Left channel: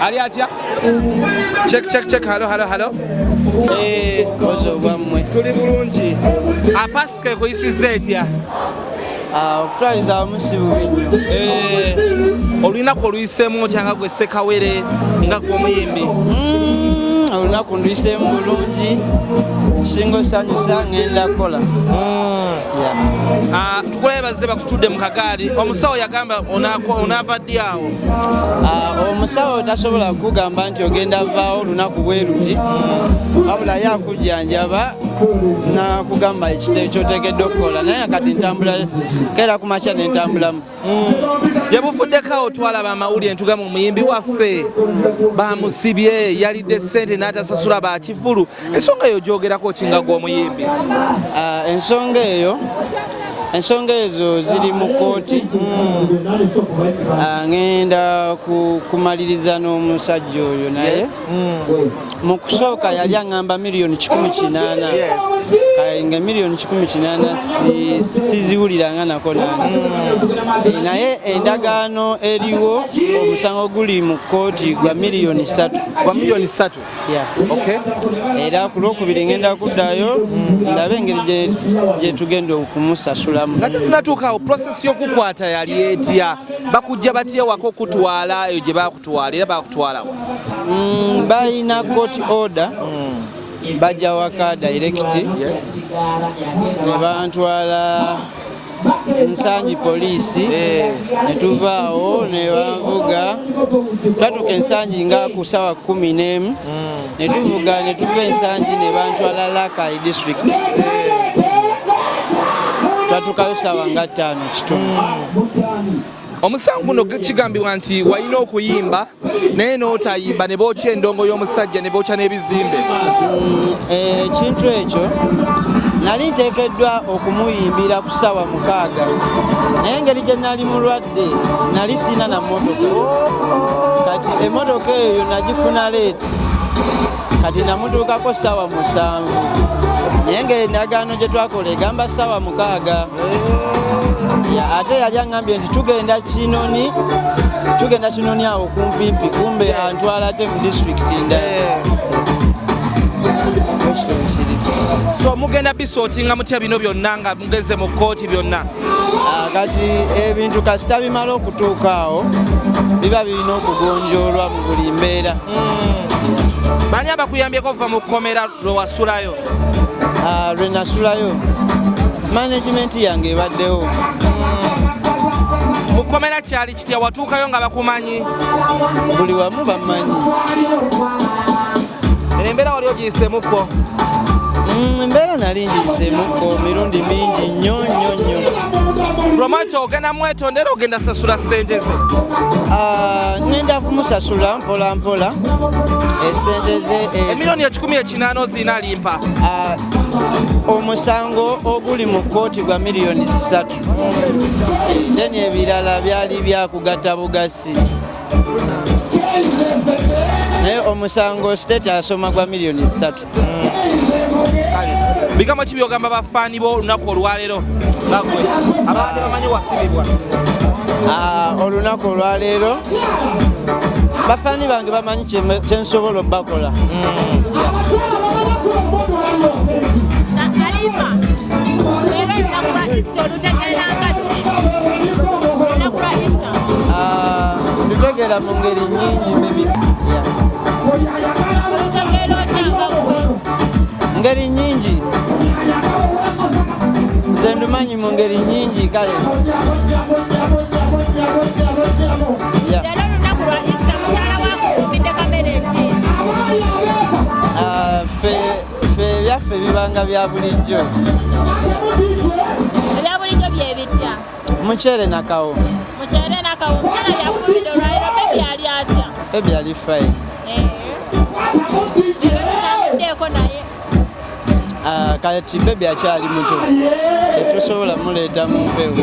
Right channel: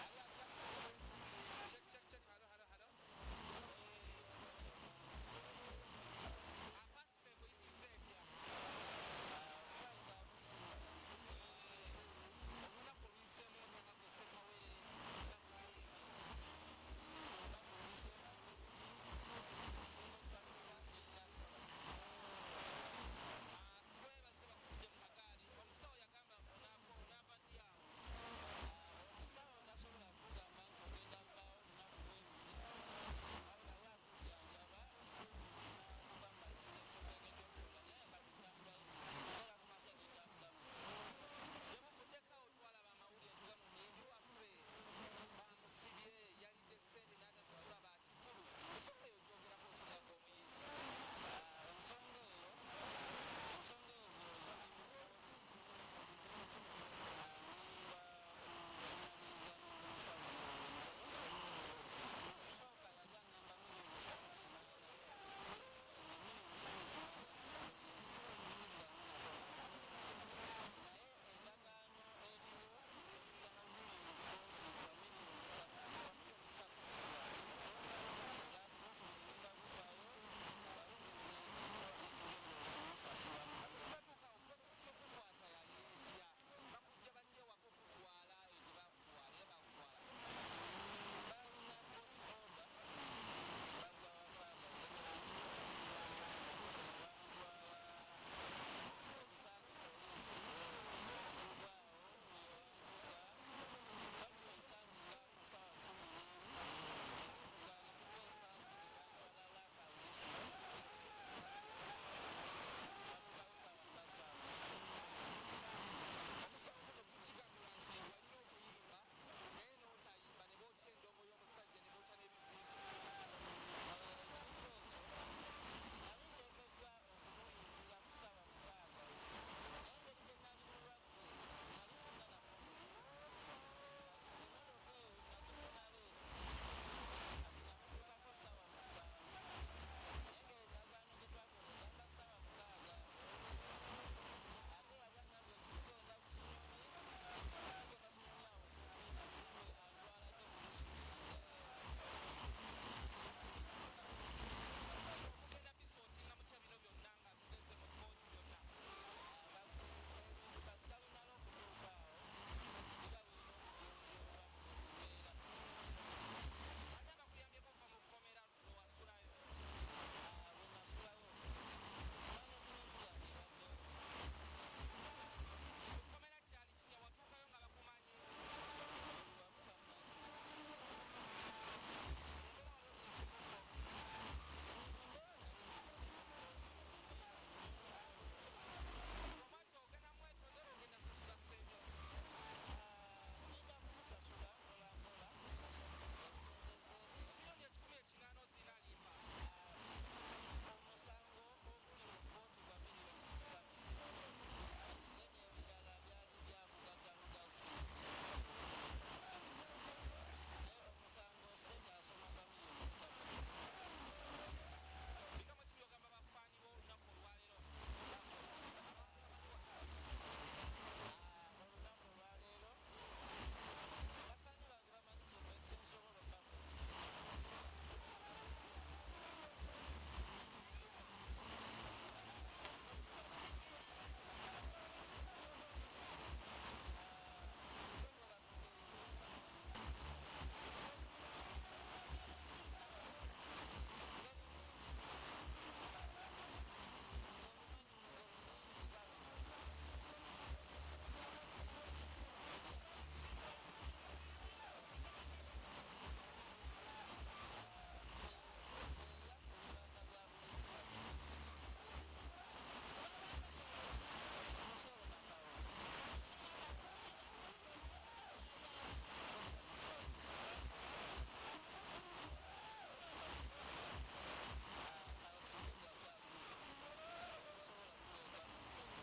Ali atya? Check. Hello. Bozo bwamwe. Tuli bulungi. Apaske kuyisiza etya? Okutwaliza omusibu nnyo. Olunaku oluyisemu otya nga gwe Ssekawere nga gw'omuyimbi? Olunaku nduyisemu bulungi. Ekisinga osanyusa ngenda kukola. Tukulebaze bakutudde mu kagaali. Omusawo yagamba onaava ddi awo? Omusawo tasobola kugamba nti ogenda vaawo olunaku bwe luti. Wabula yakujjanjaba nakugamba ekyotegedde okukola naye kati ntambula keera ku makya ne ntambulamu. Gye bufuddeko awo twalaba amawulire ntugamba omuyimbi waffe bamusibye yalidde ssente n'atasasula bakivulu. Ensonga eyo gyogerako kinga gw'omuyimbi? Ensonga ezo ziri mu kooti. Ngenda kumaliriza n'omusajja oyo naye mu kusooka yali aŋŋamba miliyoni 18. Nga miliyoni 18 siziwuliranga nako nange. Naye endagaano eriwo omusango guli mu kooti gwa miliyoni 3. Gwa miliyoni 3? Okay. Era ku lwokubiri ngenda kuddayo ndabe engeri gye tugenda okumusasulamu. Nga tunatuukaawo process y'okukwata yali etya? Bakujja batya wako okutwala eyo gye bakutwala era bakutwalawo? Balina court order. Bajja waka direct ne bantwala Nsangi poliisi ne tuvaawo ne banvuga twatuuka Ensangi nga ku ssaawa 11 ne tuvuga ne tuva Ensangi ne bantwala Lakai district twatuukayo ssaawa nga 5 kitundu. Omusango guno kigambibwa nti walina okuyimba naye n'otayimba ne bookya endongo y'omusajja ne bookya n'ebizimbe. Ekintu ekyo nali nteekeddwa okumuyimbira ku ssaawa 6 naye engeri gye nali mulwadde nali sina na mmotoka. Kati emmotoka eyo nagifuna leeti kati namutuukako ssaawa 7 naye engeri endagaano gye twakola egamba ssaawa 6. Ate yali aŋŋambye nti tugenda Kinoni awo kumpimpi kumbe antwala ate mu disitulikiti ndala. So mugenda bisootinga mutya bino byonna nga mugeze mu kkooti byonna? Kati ebintu kasita bimala okutuuka awo biba birina okugonjoolwa mu buli mbeera. Bani abakuyambyeko okuva mu Komera lwe wasulayo? Lwe nasulayo management yange ebaddewo. Mu Komera kyali kitya? Watuukayo nga bakumanyi? Buli wamu bamanyi. Embeera wali ogiyiseemukko? Embeera nali ngiyiseemukko mirundi mingi nnyo. Lwamaki ogenda mwetondera ogenda sasula ssente ze? Ngenda kumusasula mpola esente ze. Emiliyoni 18 ozirina Alimpa? Omusango oguli mu kkooti gwa miliyoni 3. Deni ebirala byali byakugatta bugasi. Naye omusango state asoma gwa miliyoni 3. Bigambo ki byogamba bafaani bo olunaku olwaleero bagwe abadde bamanyi wasibibwa? Olunaku olwaleero bafaani bange bamanyi kyensobola obbakola. Ndutegeera mu ngeri nnyingi ngeri nnyingi nze ndumanyi mu ngeri nnyingi kale. Ffe ebyaffe bibanga bya bulijjo. Ebya bulijjo bye bitya? Muceere nakawo. Muceere nakawo. Muceere yakubidde olwaliro bebi ali atya? Bebi ali fine. Ndeeko naye. Kati bebi akyali muto tetusobola muleeta mu mpewo.